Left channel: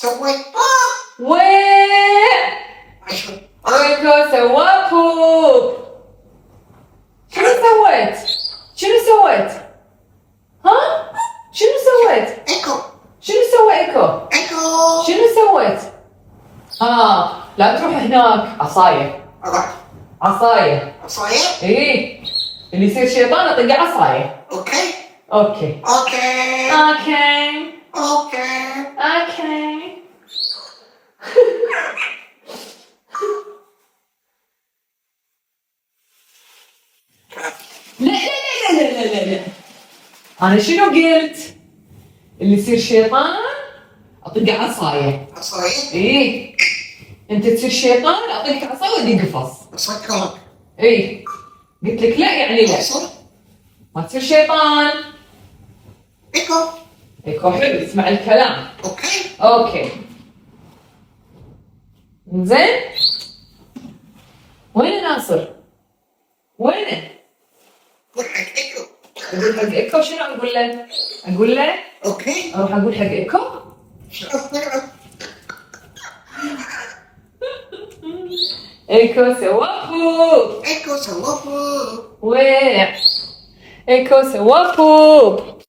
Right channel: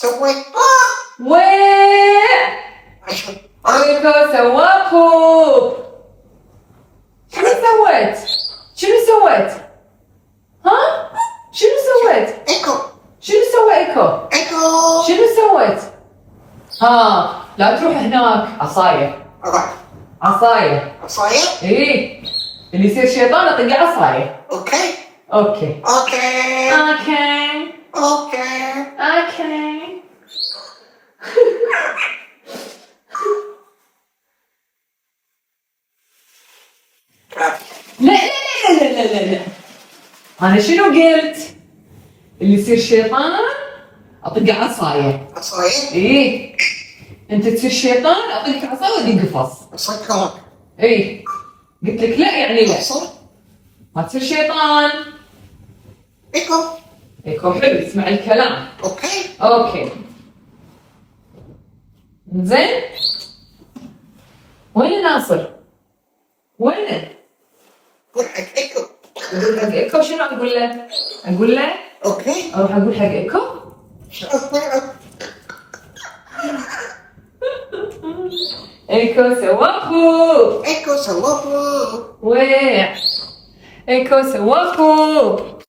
سويت ويع. ايكو سوى بوب. شنو سويت؟ ها؟ شنو سويت؟ ايكو شنو سوى ايكو؟ ايكو شنو سويت؟ لا تروح هناك. عصاية. صحيح؟ ايه اللي يصير شيطان اطقه عصاية. اوكي اوكي. اوكي اوكي. اوكي اوكي. لا لا لا لا لا لا. انا شنو قلت؟ اللي يصير شيطان اطقه عصاية. صحيح؟ ايه انت تصير شيطان اعطيك عصاية ودي قفص. صحيح ايه قلت لك لا يعني لا. صح ما تصير شيطان. ايكو يكون حلو اسمع الكلام. اوكي اوكي زين. وين ناصر؟ وينه؟ قول حق ايكو اقول حق ايكو شنو اقول له؟ اقول له اوكي اروح اقول حق ايكو. ايكو سوى بوب. ايكو سوابو ويع. ايكو سوى بوب.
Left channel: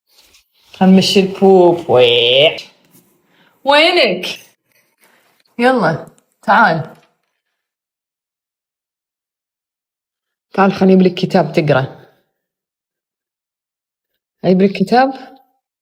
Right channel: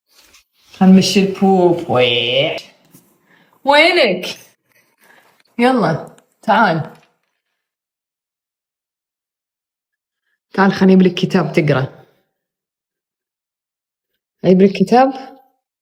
همشي البوب. ويع. وينك؟ يلا تعال تعال خليني اجيب لك كتاب تقرا. اجيب لك كتاب.